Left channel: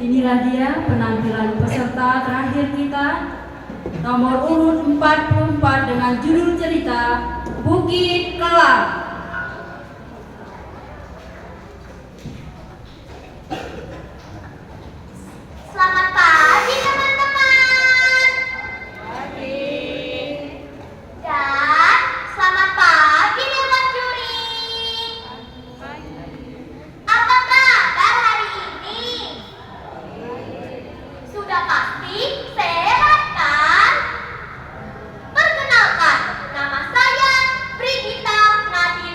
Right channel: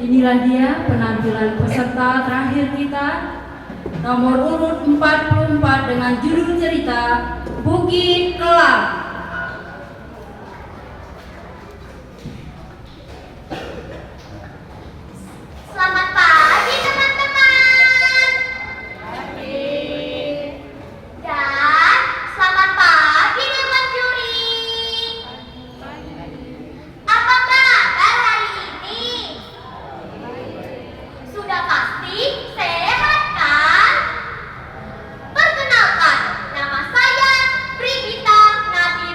Inilah dia penampilan peserta terakhir kita, nomor urut 44 dengan judul cerita Bukit Kelap. Selamat pagi teman-teman. Dan selamat pagi dewan juri. Apa kabar hari ini? Sudah pasti sehat kan? Perkenalkan, nama saya Brigita Nadia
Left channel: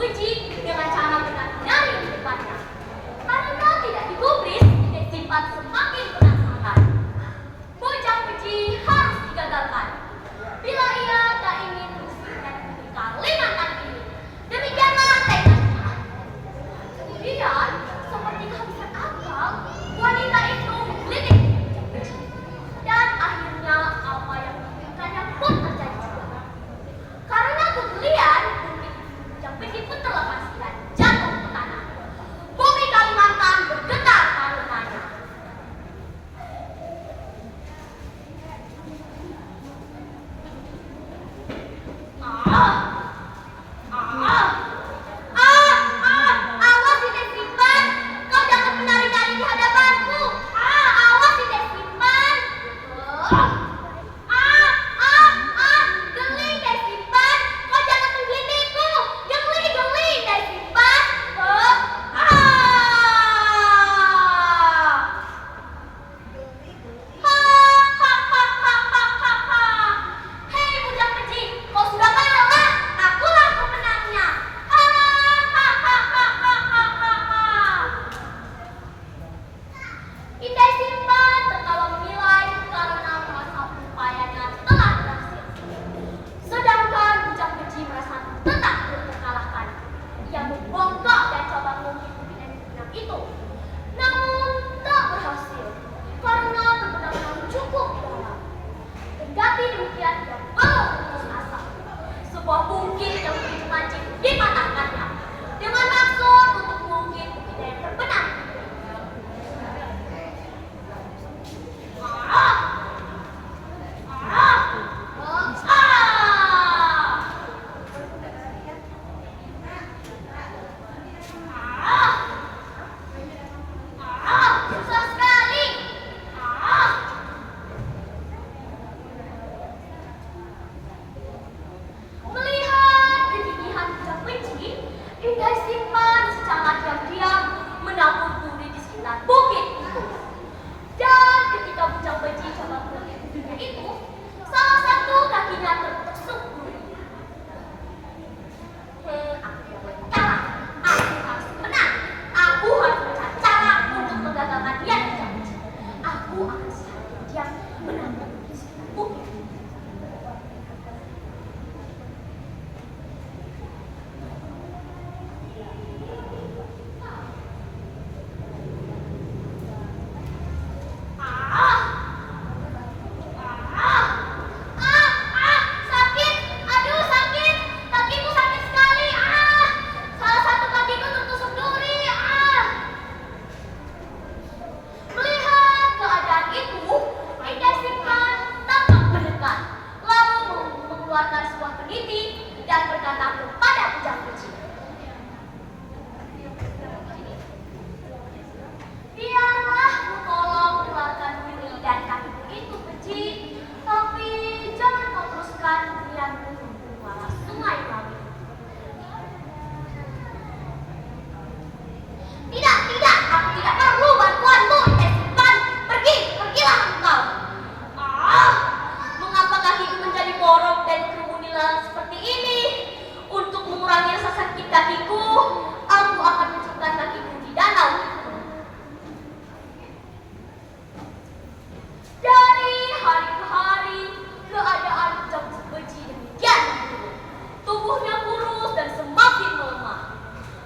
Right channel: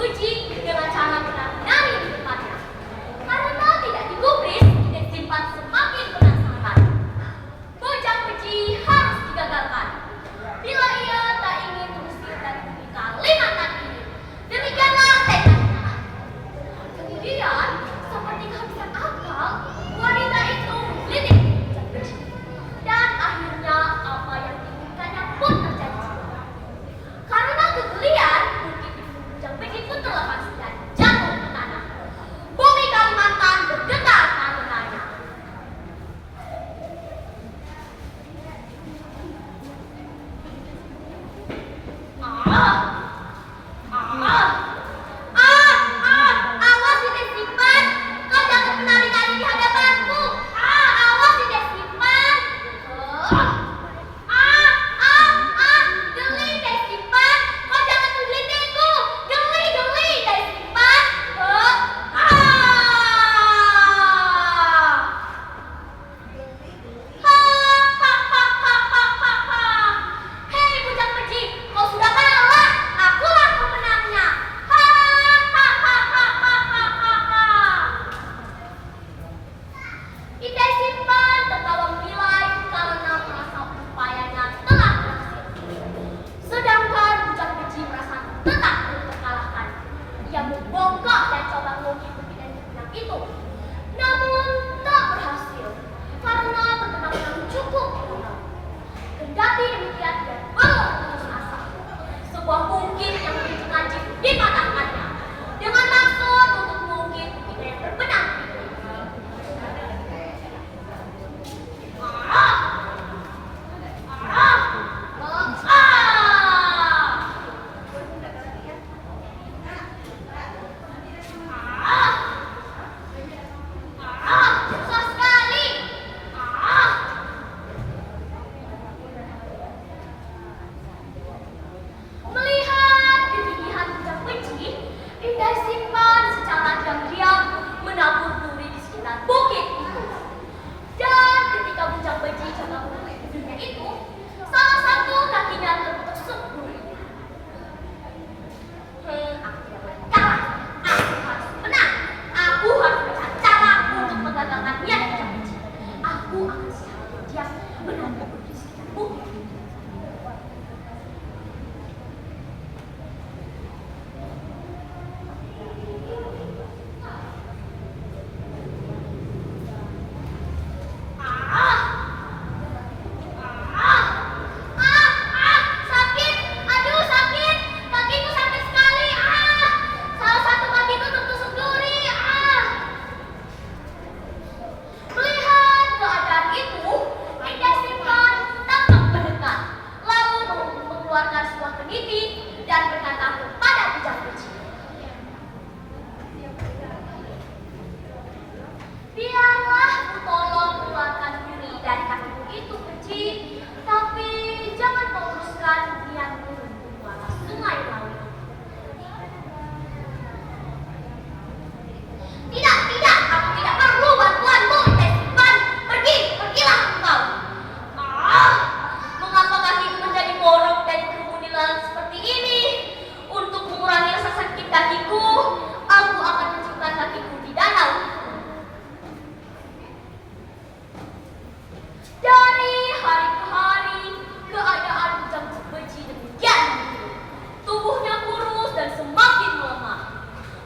Beji dengan cara benar-benar di depannya. Karena tidak digubris, tidak simpan semakin penasaran. Bujang Beji harus digagalkan. Bila ia tak ingin terusir dari bumi Kalimantan ini. Demikianlah tekadnya. Kemudian, seperti kehabisan akal, wanita itu menggelitik Bujang Beji. Dan akhirnya apa yang diinginkannya pun terjadi. Karena kegelian, bukit di Bujang Beji pun terlepas dan jatuh ke tanah. Bumi Kalimantan bergetar karenanya. Awas tidak simpan. Kau jangan menari-nari di hadapanku. Awas tidak simpan. Geli tidak simpan. Kau jangan menggelitikku. Geli tidak simpan. Hei Bujang Beji, kau sudah kalah. Akulah pemenangnya. Indai Simpan tertawa menilai karena merasa upayanya telah berhasil. Sedangkan Bujang Beji merasa tetap belum terkalahkan. Ia membongkok dan coba mengungkit bukit yang terbenam itu. Namun tak berhasil karena terbenam terlalu cukup dalam. Kendati demikian ia belum putus asa. Sebuah bukit yang begitu lancip dipatahkannya dengan maksud untuk mengungkit bukit yang terbenam itu. Susah sekali. Melihat kegigihan Bujang Beji, Indai Simpan secara diam-diam menabur duri di sekitar bukit itu. Dan ketika Bujang Beji coba mengangkat durinya itu, salah satu kakinya tertusuk duri. Aku tidak kalah. Aku harus menang. Aku harus mencari cara untuk menggagalkan niat Bujang Beji. Aku akan secara diam menabur duri di sekitar bukit itu. Sakit, aduh sakit, kakiku sakit sekali. Salah satu kakiku tertusuk duri. Melihat keadaan itu, Indai Simpan tampak mendekat, lalu mengeluarkan sebuah peniti dan berkata kepada Bujang Beji, biarlah ku tolong keluarkan diri dari kakiku itu, Beji, tapi jangan kau teruskan niatmu untuk muara sungai Ngawi. Tidak, aku tidak perlu bantuanmu, Indai Simpan. Pergilah engkau. Mengapa kakiku menjadi borok dan kerumunan seperti ini? Untuk mengurangi rasa sakit kakiku, aku akan menciptakan kakiku di danau. Dari hari ke hari, keadaan Bujang Beji demikian buruk. Tubuhnya kurus dan semakin melemah.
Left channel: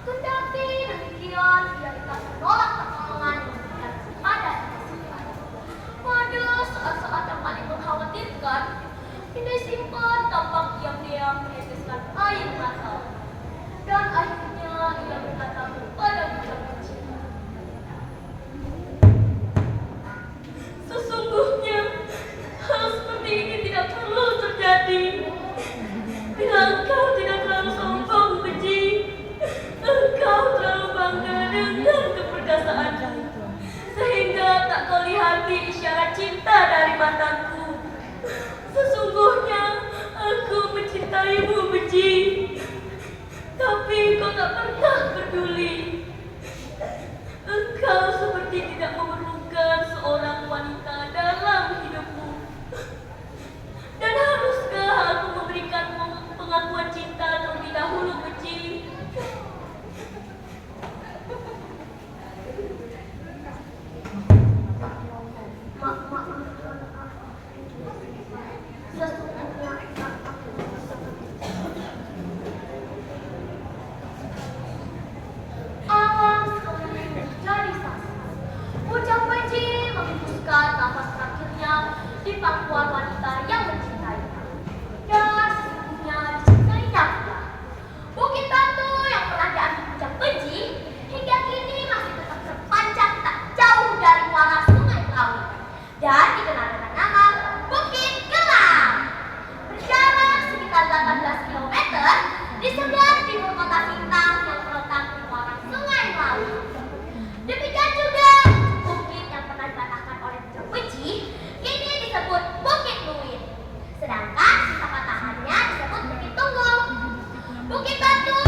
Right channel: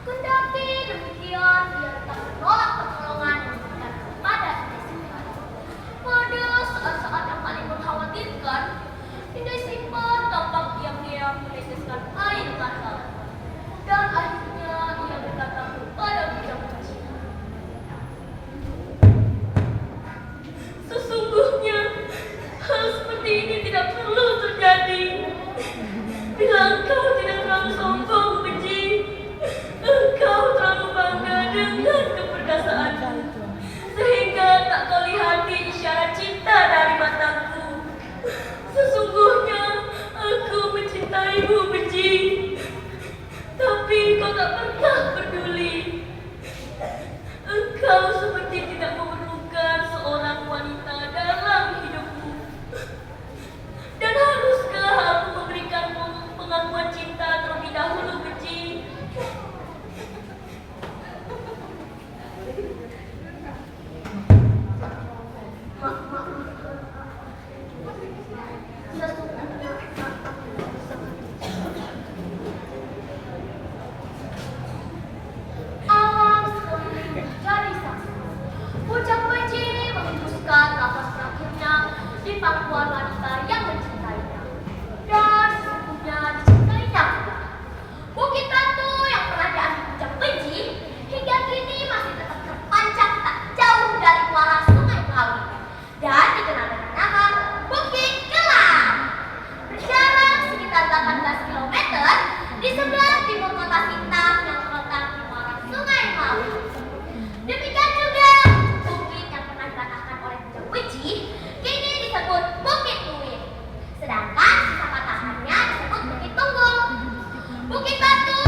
Kendati demikian, ia tetap menolak pertolongan yang diberikan kepada Indai Simpan. Pada saat-saat yang paling mengkhawatirkan, Indai Simpan tampak diam-diam meneteskan air mata. Dan akhirnya ia berkata kepada Bujang Beji, sesungguhnya hal seperti ini tidak perlu terjadi. Bila engkau tidak terlalu sombong, Beji, engkau terlalu bangga dengan keperkasaanmu, sehingga tak kau lihati isyarat cinta dari mataku. Sesungguhnya aku mencintaimu, Beji, tapi kau tak pernah Bukit Batu